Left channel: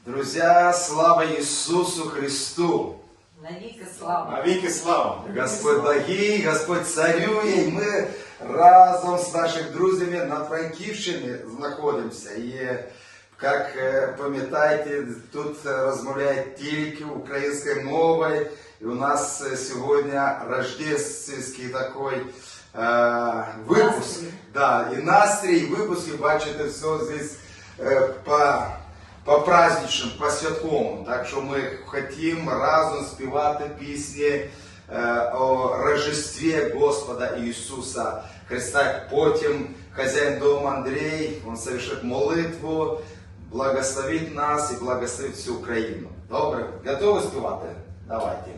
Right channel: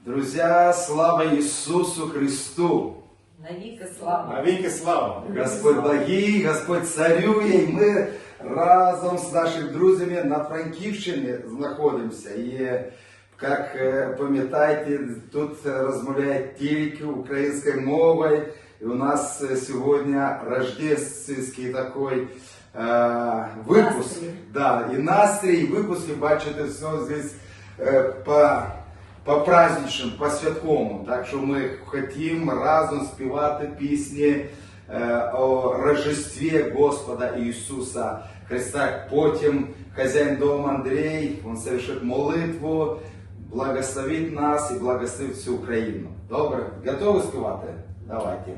Друзья, слава Иисусу Христу! Навіки слава. Навіки слава! Господь благий, Господь царює, і ми разом з нашими друзями на Франківщині знаходимося. І, як е, пам'ятаєте, тут розмовляють тільки українською мовою. І у нас е, сьогодні рождественський такий е, випуск. Настрій. Да, і настрій, і випуск, і бачите, все здесь е, по, по праздничному, по святковому. Так що ми хотімо разом співати пісні е, о Рождестві Господа Ісуса Христа. Потім хазяїн дому Андрій, він совершить молитву, благословить нас і благословить всю Україну. Добре, готові співати? Давайте.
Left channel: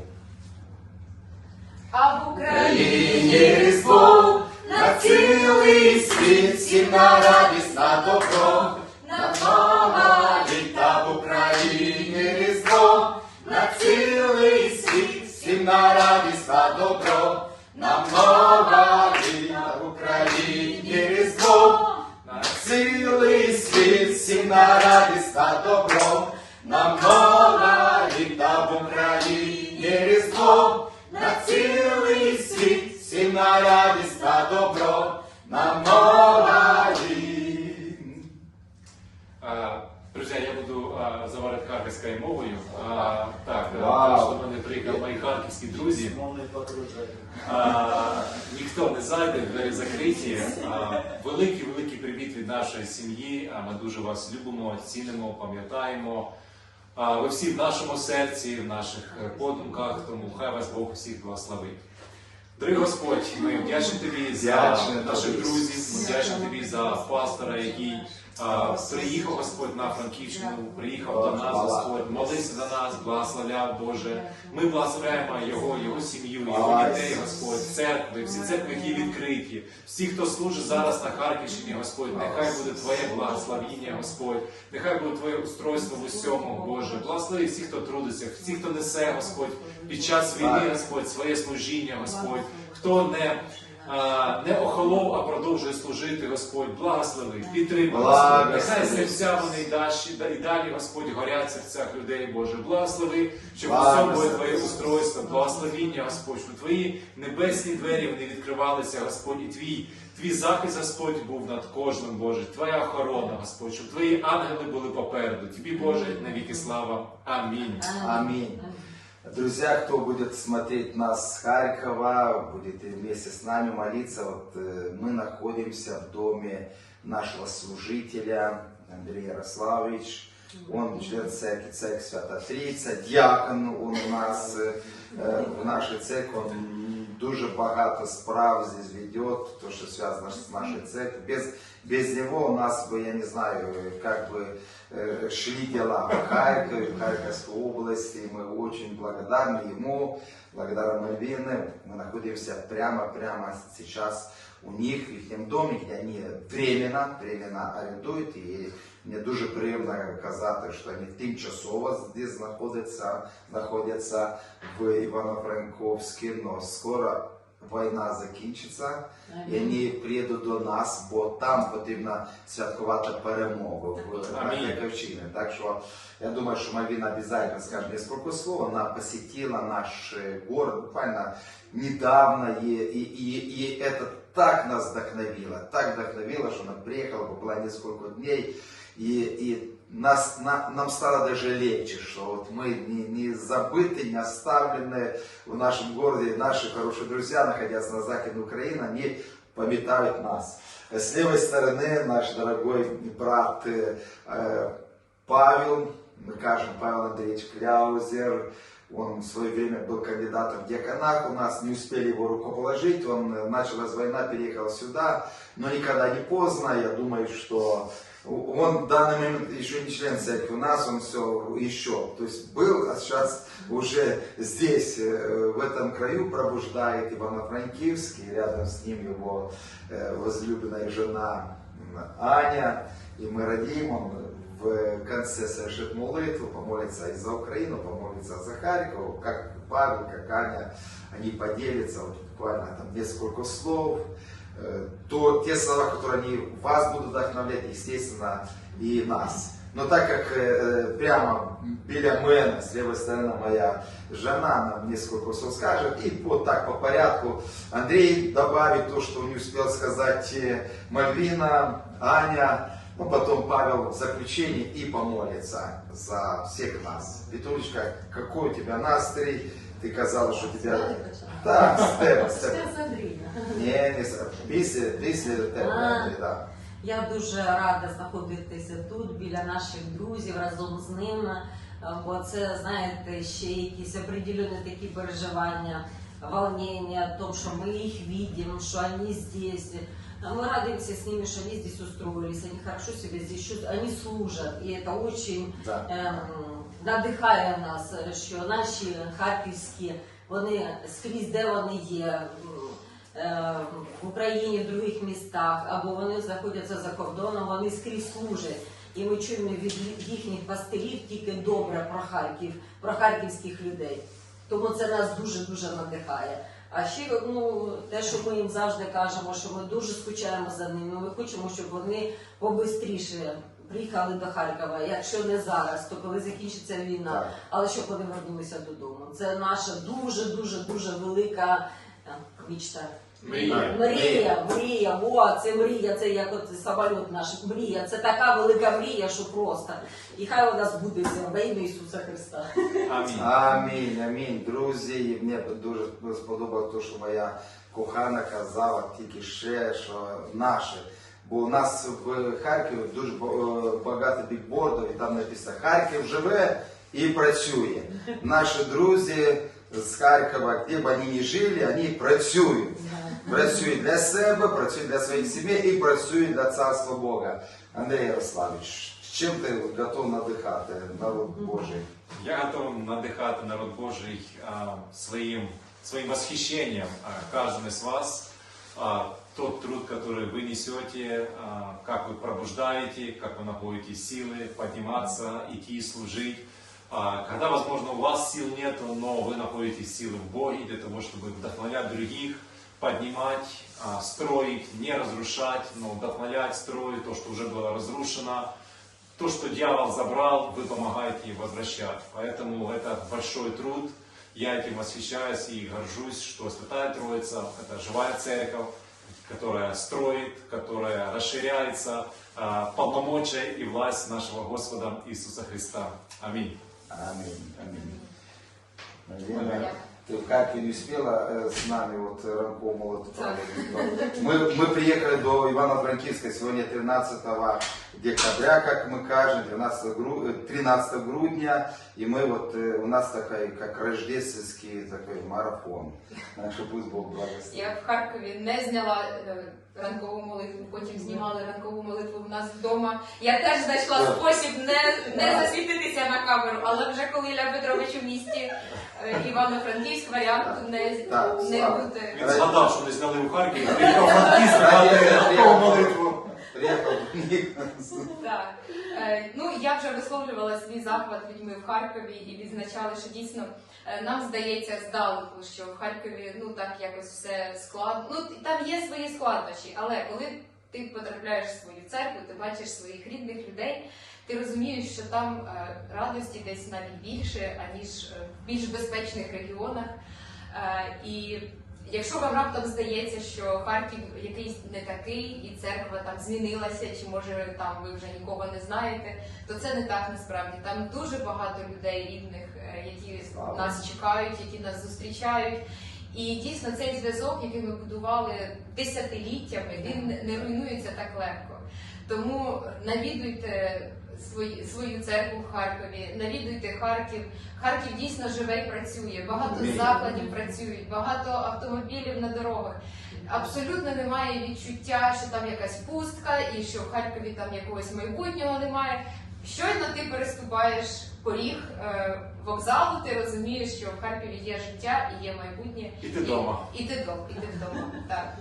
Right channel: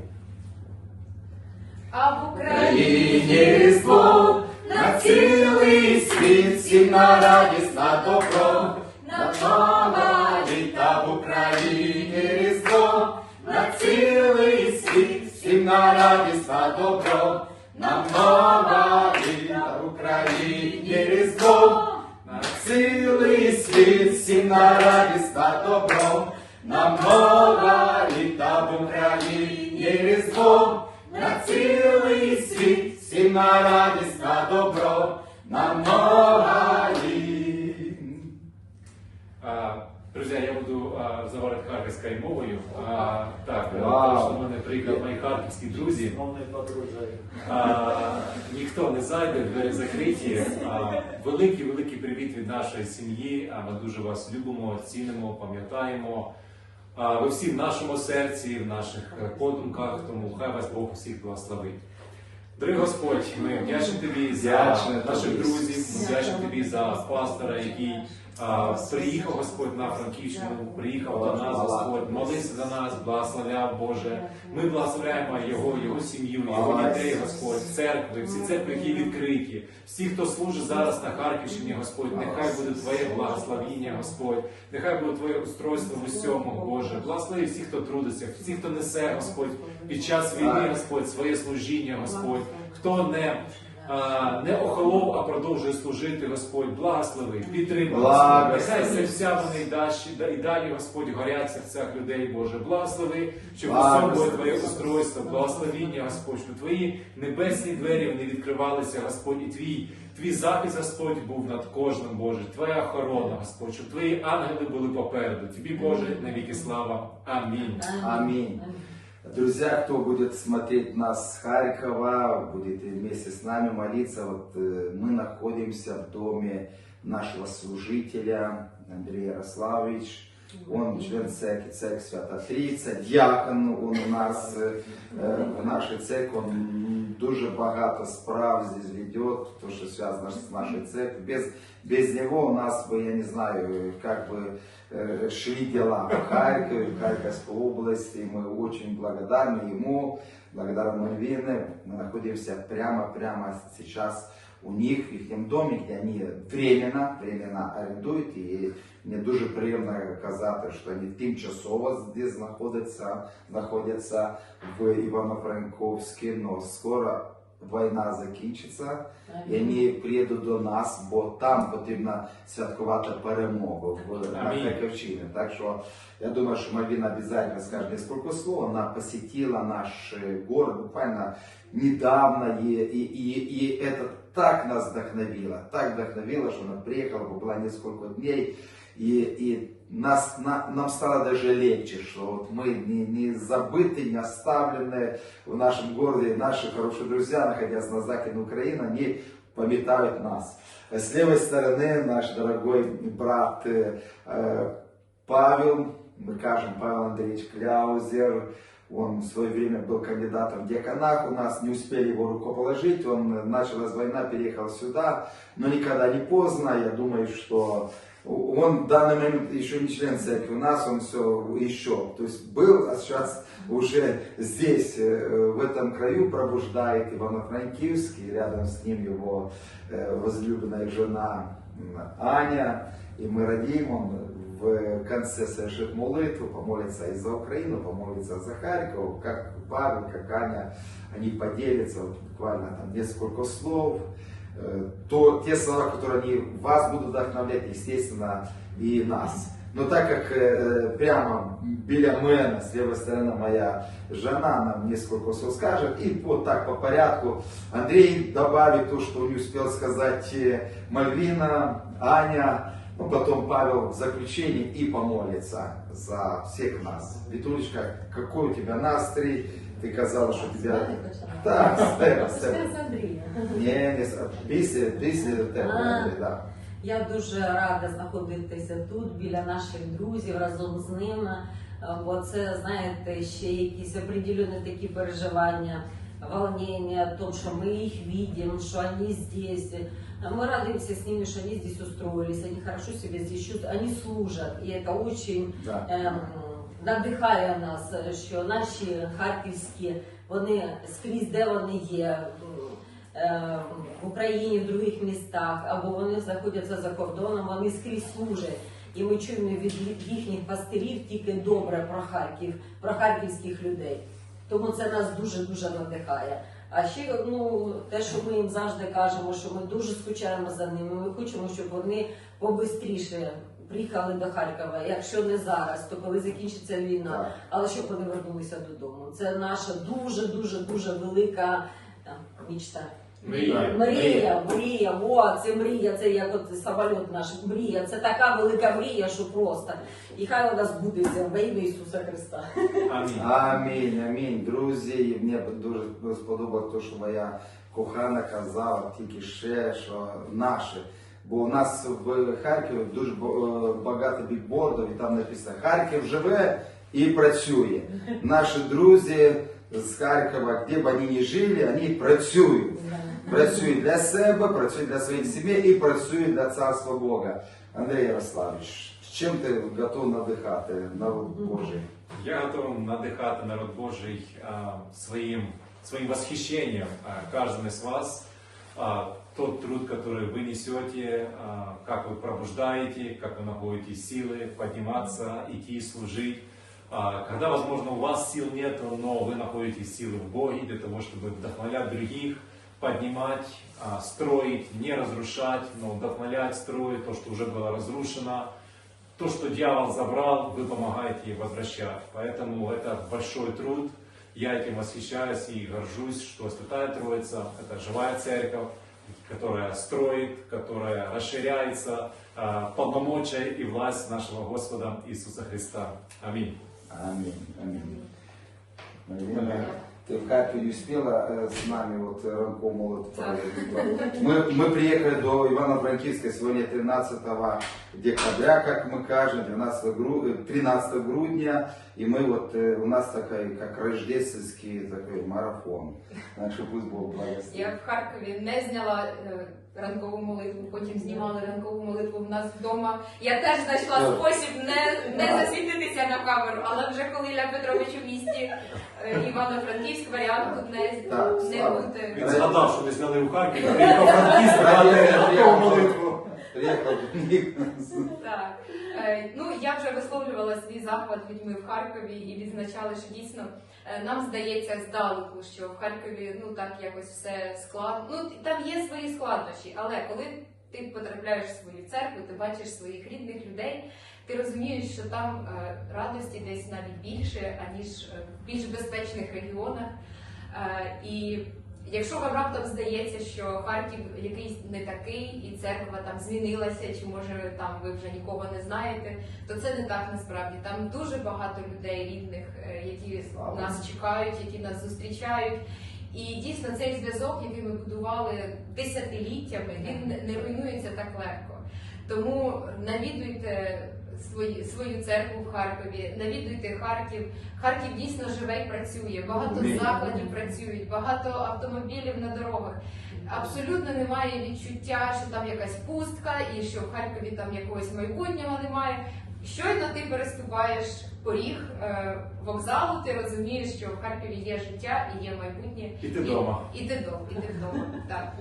А в Україні Різдво, на цілий світ, всім на радість, на добро, На нова літа в Україні Різдво, на цілий світ, всім на радість, та добро, нам нова літа в Україні Різдво, на цілий світ, всім на радість, на добро, нам нова тому що до мої харківські друзі. А, ніхто не зайде, двері закриті. А, великий, великий привіт від нашої сім'ї. Ми дуже вас любимо, цінимо, пам'ятаємо. Ви всі в нашому серці, в наших подумках, тому хай вас Бог всіх благословить. Дорогий Господь, ми вдячні тобі за наших друзів, вдячні тобі за пастора, який приїхав Господь на Франківщину, приїхав до нас, Господь, молився за нас, благословляв Боже. Ми благословляємо його, його сім'ю, його дітей, Господь, церкви, всі церкви, які відкриті. Всі, хто служить зараз на Харківщині, Господь, нехай буде Твоє благословіння, Господь, нехай буде Твоє устройство в усьому, Боже. Благослови всіх, хто трудиться, всіх, хто несе, Господь, під час війни, Господь, своє служіння, Господь, хто не. Не охолов, а продовжує служити, Господь, благослови, підтримай, Нехай серця вони і далі, і далі, Господь, горять серцях людей, Боже. Благослови, щоб у було Твоє устройство, благословіння, Господь, щоб Твої небесні двері вони відкривалися, Господь, і Твій, Твій захист, Господь, був над кожним, Боже, Твоя охорона, Господь, щоб Твої ангели були попереду. Тобі, Боже, навіки слава. Амінь. Аминь. Друзья, кто будет смотреть нас с Харькова, будете вместе с нами молиться. Вот э, мы находимся в доме нашего служителя Андрея Ярославович. Он член церкви, церкви Свята Трійця, діакон он у нас е, е, в нашій церкві. Он дуже багато справ здесь ведет, то, что связано с нашей церковью. Без, без него у нас бы, я не знаю, как бы э, шли дела в Харькове, в Харьковской области. И мы очень благодарны ему, благодарны Мальвины. Мы находимся прямо-прямо сейчас у них, в их доме, где они временно, временно орендують. І мені дуже приємно казати, що вони тимчасово здесь знаходяться, знаходяться в Івано-Франковську, але скоро війна закінчиться. І вони приїдуть до нас, бо там потрібно святкувати перемогу в Амінь. Харківщині. Так що я думаю, что Мальвина обязательно скажет несколько слов. Она посетила наш э, город буквально недавно, и, и, и, и это так нас вдохновило, так вдохновило, что она приехала, побыла несколько дней, И, и нас, на- нам стало даже легче, что вот мы не, не забыты, не оставлены в нашем городе, наши хорошие друзья, находясь на Западе Украины, они пометают нас. С левой стороны наш дорогой брат э, Павел, мы кажем, Павел Андреевич Кляузер, он в свое время был кандидатом в деканат, у нас не успели его рукоположить, он э, началась война, переехал сюда, но никогда не поздно, я думаю, что он в данный момент еще не член церкви, у нас он все еще, то есть был, а сейчас уже здесь, э, в этом краю пробуждает Ивано-Франкивск, и рядом с ним его э, возлюбленная жена м, Аня, и мы радеем, он в конце совершит молитву, помолится и за Украину, помолится за Харьков, как Павел, как Аня, они поделятся вот буквально там несколько слов, Э, то те слова, которые они вас будут вдохновлять, естественно, и нас. Но так как э, прямо біля мене, с левой стороны моя жена нам несколько слов скажет, и вот так по порядку Андрей добавит то, что не успел сказать э, Мальвина, Аня, ну потом Павел в заключении и помолится за всех нас. Витулечка, какой у тебя настрой? Ты казалось, что тебя... Так, степ, степ. Не, не, с- після, після тебе, А. Андрій, да. Я дуже рада знаходитися тут біля наших друзів разом з ними. е, Бо це, знаєте, ще якісь определені такі переживання, волнення, о том, что мы их видим, что они здесь. Мы радуемся с ними, что они здесь устроились, они хорошо себя здесь чувствуют, они служат. И это очень Да. ем, надихає нас, що наші харківські, вони скрізь, де вони є, е, в Україні, в других містах, або вони знаходяться за кордоном, вони скрізь служать. І ми чуємо від їхніх пастирів тільки добре про Харків, про харківських людей. Тому це нас дуже дуже надихає. А ще ну те, що ми їм завжди кажемо, що ми дуже скучаємо за ними. Ми хочемо, щоб вони побистріше приїхали до Харкова. Якщо не зараз, то коли закінчиться війна, Так. але щоб вони вернулися додому. Це наша дуже дуже дуже велика мічта. Мрія. Мрія, мрія, о, це мрія, це як от самоліт наш, мрія, це така велика мрія, що просто. І хай у нас буде во ім'я Ісуса Христа. Амінь. Амінь, амінь. Друзі, мені дуже сподобалось те, що моя кохана казала тільки ще, що наші. Бо у нас в Харкові дуже ба- багато бікбордів, і там написано Харків живе і працює. Наші друзі з Харкова, де б вони не жили, вони працюють. Працюють для себе, працюють для своїх сімей і працюють для царства Бога. Андрій Ярославович, чим ти готов надихати народ Божий? Я готов надихати народ Божий а, своим восхищением а, каждым из вас. А, тот труд, который вы несете, а, как вы пробуждаете, как вы находите силы подниматься, идти служить. А, когда, возможно, у вас сил нет, но вы находите силы в Боге для того, чтобы вдохновлять других, поднимать, а, строить, не разрушать, но вдохновлять, строить то, что уже было разрушено, то, что дьявол забрал, вы помогаете возвращать. Поэтому это большой труд. Я этим восхищаюсь и горжусь, что Святая Троица – это живая церковь, которая строит, которая расширяется, полномочия и власть нашего Господа Иисуса Христа. Аминь. Аминь, аминь. Марина, ты в Харькове не успела э, с нами вот э, ранком молот проводить? Мы, мы приехали до Ивано-Франкивска сегодня 13 декабря, как мы кажем, 12, гру- э, 13 грудня, и мы вот, э, у нас такой, как рождественский такой марафон. Так что пусть Бог благословит. Я в Харкові не зняла е, ранкову молитву, потім знімали ранкову молитву в нас вдома. Я теж знайшла спосіб не, не засвітитися на камеру, але вже коли Ілля Петрович у місті е, Івано-Франківськ, варіант не, не буде. Він згадав, що ми зняли у Харкові, таку молитву. Так. Е, Ну, я вже висловлювала свій захват людьми в Харкові і відзначали, що дійсно е, нам здається здалеку, що в Харкові ну так якось все складно. Ну там є свої складнощі, але коли ти потрапляєш в свою церкву, ти бачиш своїх рідних людей, ти розумієш, що там е, радості десь навіть більше, аніж в більш безпечних регіонах. І Якщо вам раптом здається, що Харків якийсь не такий, і церква там змінилася, чи може там ви вже нікого не знаєте, то це не так насправді. Там дуже багато людей рідних, е, які нас чекають, які нас зустрічають. І дійсно цей зв'язок, який ми будували десятиліттями, він не- не руйнується так легко. Тому навідуйте свої, свою церкву в Харкові, навідуйте Харків. Харків дійсно живе і працює. Багато закладів працюють, багато автомобілів на дорогах. Абсолютно немає відчуття, що там якась пустка і що в Харкові там якогось майбутнього немає. Щойно ти переступаєш поріг е, вокзалу, ти розумієш, що в Харкові є життя і є майбутнє. І ти вдома. І ти вдома, і ти вдома. Так.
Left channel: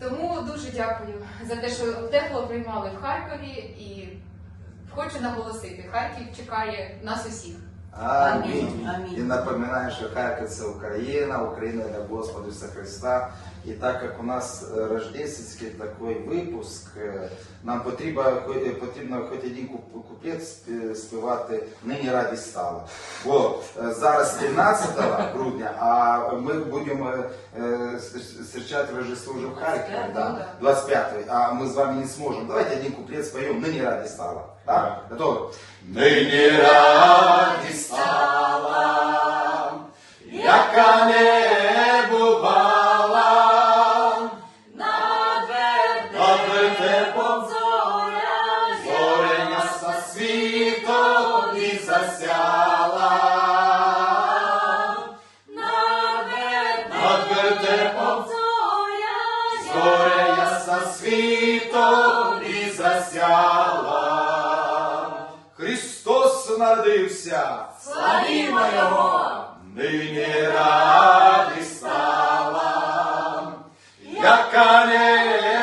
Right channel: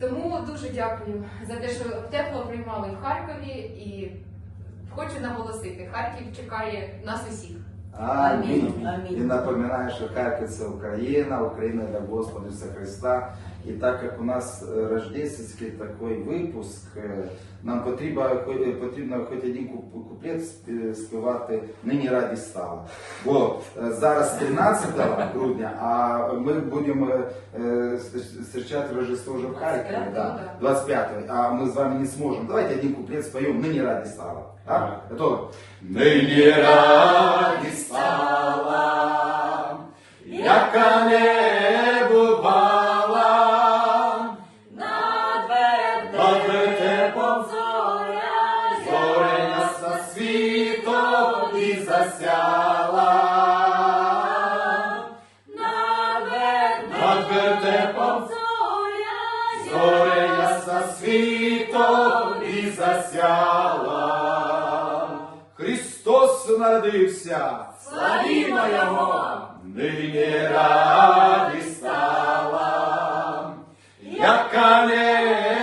Тому дуже дякую за те, що тепло приймали в Харкові і хочу наголосити, Харків чекає нас усіх. Амінь. Амінь. І напоминаю, що Харків це Україна, Україна для Господа Христа. І так як у нас е, рождественський такий випуск, е, нам потрібно, хо- потрібно хоч один куп- куплет спі- співати нині раді стало. Бо е, зараз 13 грудня, а ми будемо е, е, зустрічати Рождество вже в Харкові. Да, 25 а мы с вами не сможем. Давайте один куплет споем, ныне ради стало. Да? Готовы? Ныне ради стало, яка не ясна світом і засяла. Христос народився, Славімо Його! нині раді стала, яка не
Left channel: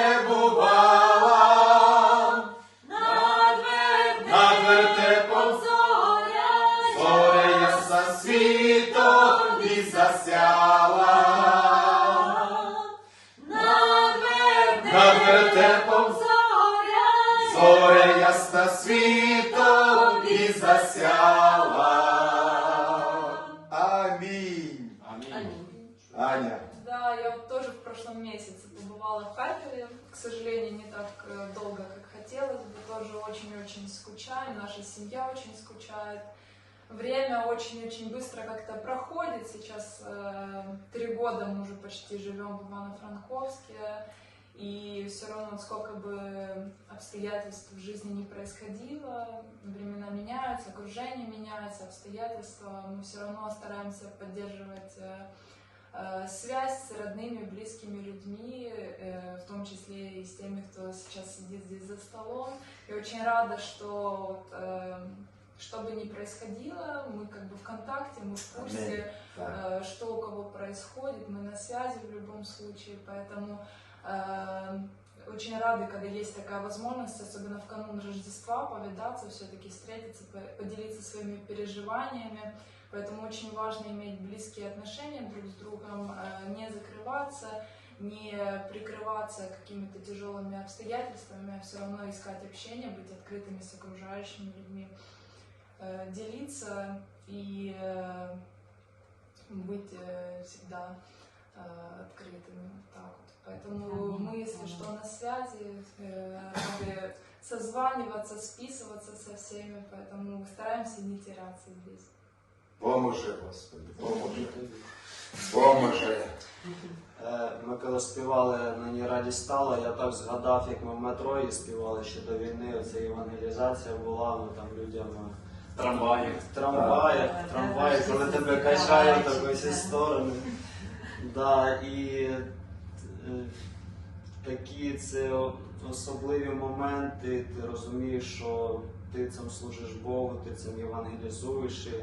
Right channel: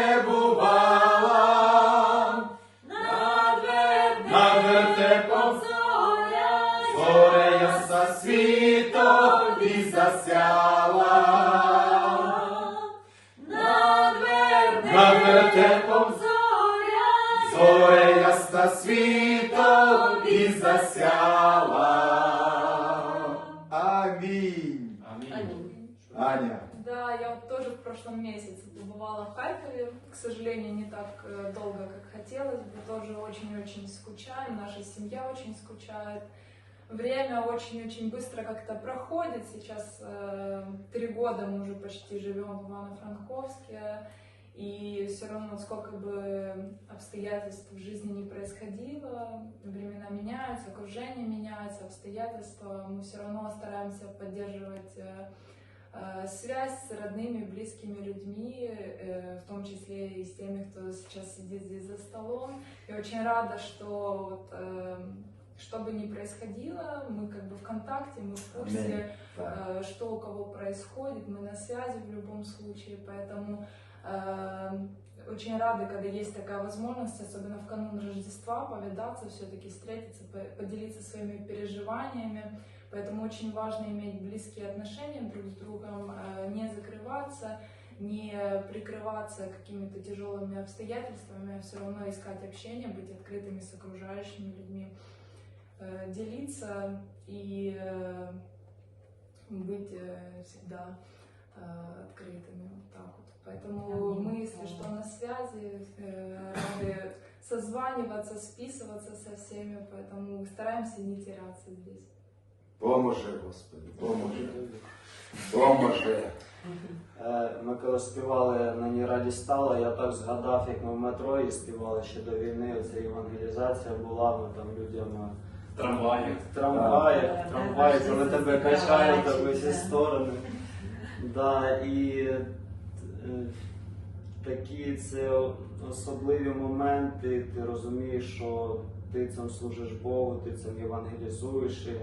Амінь. Амінь. Аня. Да, я вот тоже в прошлом месяце побывала в Харькове. К сожалению, не так э, долго, как хотелось бы. Тоже очень-очень скучаю. Наша семья очень скучает. Время очень-очень быстро как-то проходит. Сейчас э, три года мы уже почти живем в Ивано-Франковске. И все равно, вот сколько бы обстоятельств в жизни не происходило, времена меняются, окружение меняется, обстоятельства, мы все равно стараемся поддерживать э, э, связь с родными, близкими людьми, э, в том числе и с теми, кто сейчас сидит здесь за столом. И очень рада, что вот, э, что бы ни происходило, мы как бы в контакте, мы в курсе, Так. э, что у кого происходит, мы на связи в любом случае, поэтому э, очень рады, когда есть такая возможность, особенно в канун Рождества, повидаться, все-таки встретиться, по- поделиться своими переживаниями. Поэтому очень важно иметь близкие отношения друг с другом, э, не закрываться, не прикрываться какими-то тяжелыми обстоятельствами, а все равно искать общение, быть открытыми с окружающими людьми, э, делиться и э, быть всегда открытыми. Вот так вот. Поэтому мы, если что, на связи, э, рады созваниваться, списываться со всеми, поэтому стараемся не теряться здесь. Поможи, Господи, поможи. Поможи. Е, Ми коли співали на ній раді стало, я так згадав, як ми в метро її співали ще до війни. Ця евангелізація була, ми там людям е, Трамваї. в трамваї, в трамваї, коли тебе качають так в усі сторони. Да, і е, такі це особливі моменти, ти розумієш, що ти цим служиш Богу, ти цим євангелізуєш. І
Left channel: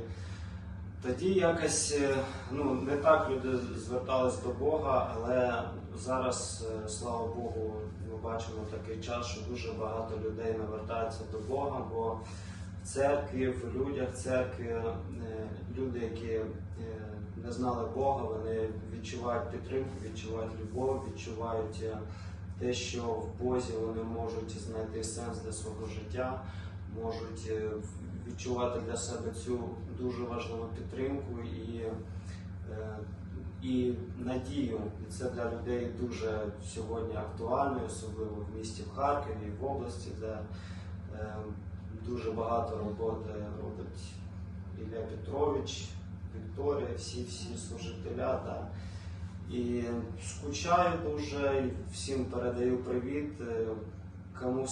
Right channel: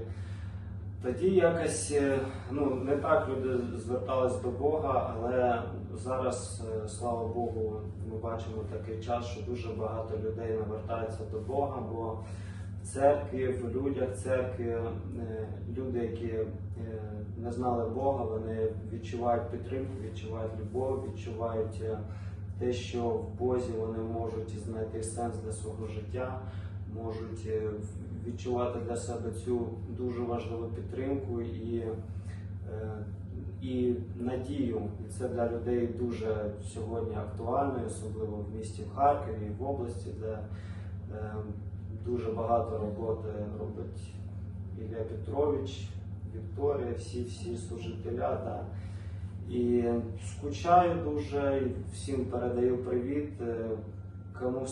тоді якось е, ну, не так люди звертались до Бога, але зараз, е, слава Богу, ми бачимо такий час, що дуже багато людей навертаються до Бога, бо церкві, в людях церкві, е, люди, які е, не знали Бога, вони відчувають підтримку, відчувають любов, відчувають е, те, що в Бозі вони можуть знайти сенс для свого життя, можуть відчувати для себе цю дуже важливу підтримку і, і надію. І це для людей дуже сьогодні актуально, особливо в місті в Харкові в області, де дуже багато роботи робить Ілля Петрович, Вікторія, всі всі служителя. Да. І скучаю дуже, всім передаю привіт. Е, Кому,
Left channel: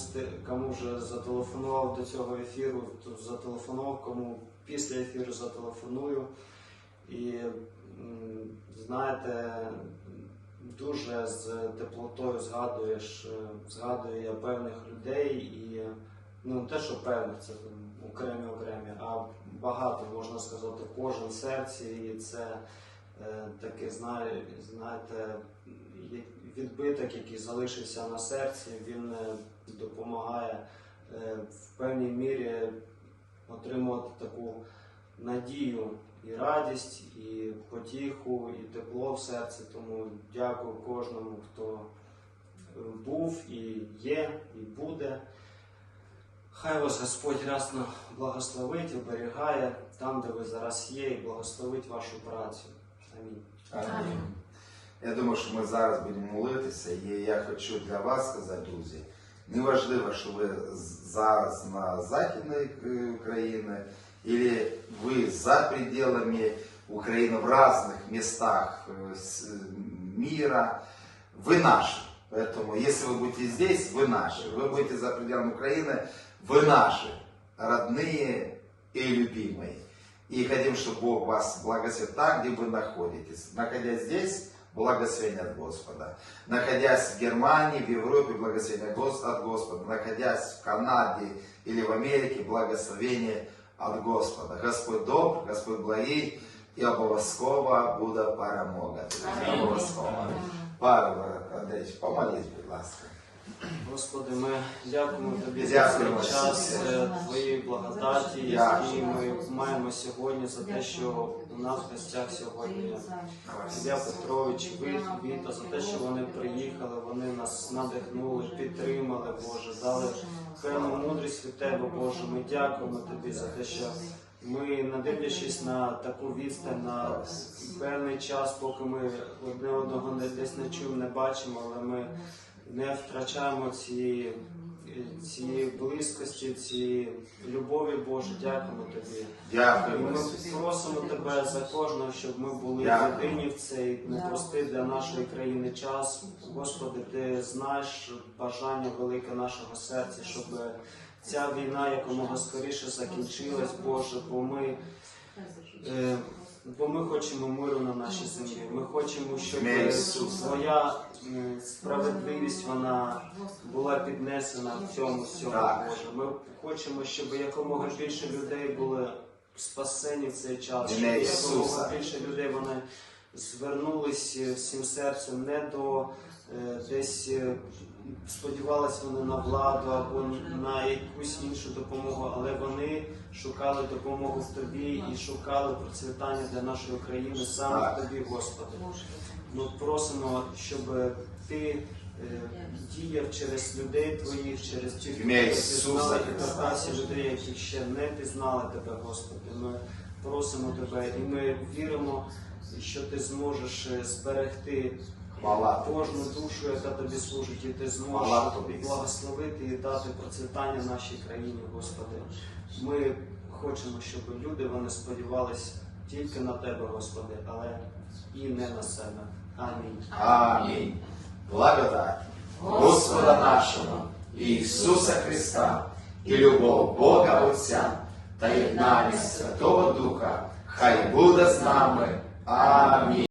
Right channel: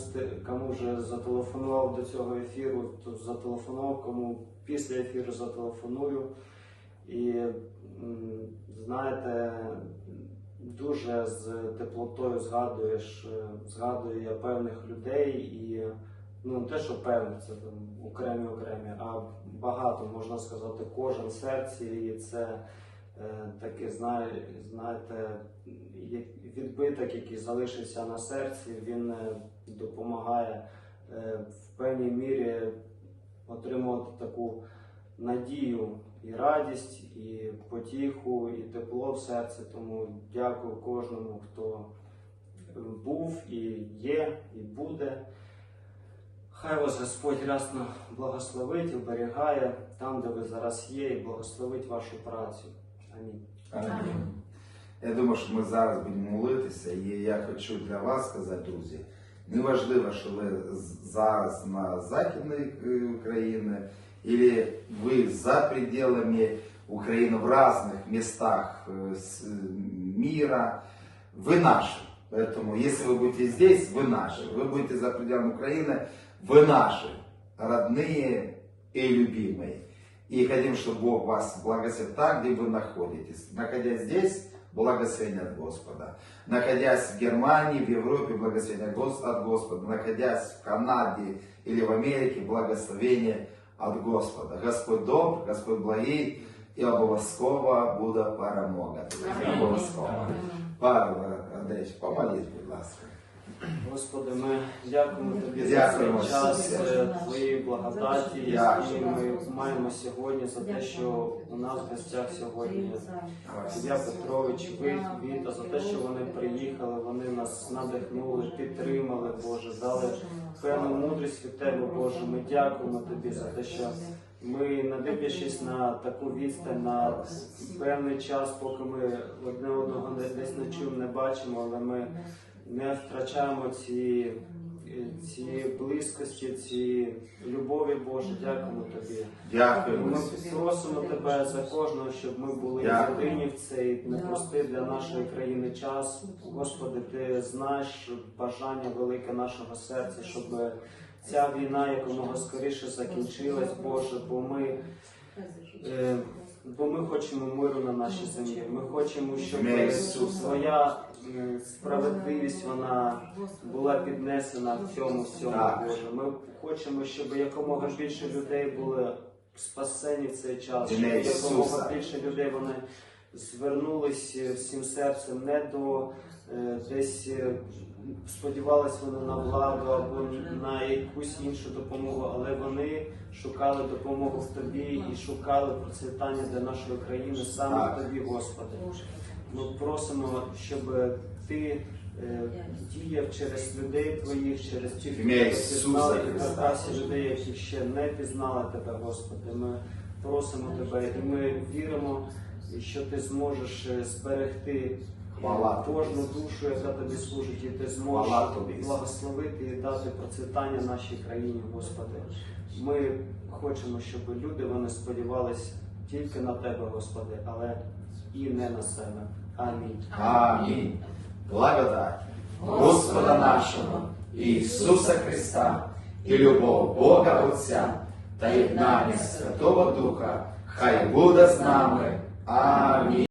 кому вже зателефонував до цього ефіру, то зателефонував, кому після ефіру зателефоную. І знаєте, дуже з теплотою згадуєш, е, згадую я певних людей і ну не те, що певних, це окремі окремі, а багато можна сказати, кожен серці, і це е, такий, знає, знаєте, відбиток, який залишився на серці, він е, допомагає е, в певній мірі отримувати таку надію і радість, і потіху, і тепло в серці. Тому дякую кожному, хто був і є, і буде. Хай вас Господь рясно благословить, оберігає там, де ви зараз є, і благословить вашу працю. Амінь. Амінь. Я думаю, що ми зараз будемо молитися, і я хочу для вас сказати, друзі, неважливо, що ви з- зараз на західній е, України, или ви за пределами України в різних містах е, с- мира, вы наши. Поэтому, если вы будете здесь, вы наши. Вы будете за пределами Украины, вы наши, родные и любимые. И хотим, чтобы Бог вас благословил там, где вы находитесь. Находясь здесь, благословение от Господа. Находясь в Германии, в Европе, благословение Гос- от Господа. Находясь в Канаде или в Америке, благословение от Господа. Господь добр, Господь благий, і обов'язково буде перемога. друзі. Обов'язково. Павло Андрійович, помоліть, будь ласка. Господи, ми дякуємо Тобі за цей час е, Твоєї благодаті, які ми маємо сьогодні, за те, що у нас в гостях сьогодні Ілля Петрович, Віта, за те, що вони приїхали, вони нас надихнули, підтримали, Боже, дали певну мудрість від Тебе, Боже. Ми дякуємо Тобі за те, що ми, не дивлячись на таку відстань, на певний час, поки ми одне одного десь не чуємо, не бачимо, але ми не втрачаємо цієї, цієї близькості, цієї любові, Боже. Дякуємо Тобі. Дякуємо. Ми просимо тебе за кожного, щоб ми були єдині в цей непростий для нашої країни час. Господи, ти знаєш бажання велике нашого серця, щоб ця війна якомога скоріше закінчилась, Боже, бо ми. е, Бо ми хочемо миру на нашій землі. Ми хочемо, щоб твоя справедливість вона була піднесена в цьому всьому, Боже. Ми хочемо, щоб якомога більше людей були спасені в цей час, щоб якомога більше людей вони звернулись е, всім серцем не до е, десь е, сподівалися вони на владу або на якусь іншу допомогу, але вони шукали допомогу в тобі і шукали процвітання для нашої країни саме в тобі, Господи. Ми просимо, щоб ти е, діяв через людей твоїх, через тих, хто пізнали, і Христа. людей, які ще не пізнали тебе, Господи. Ми просимо тебе, і ми віримо, що ти зможеш е, зберегти Хвала кожну душу, яка тобі служить, і ти зможеш тобі, благословити і дати процвітання нашій країні, Господи. Ми хочемо, щоб люди вони сподівались тільки на тебе, Господи, але і не на себе. Амінь. Амінь. Благодать Господа нашого Ісуса Христа і любов Бога Отця та єднання Святого Духа, хай буде з нами. Амінь.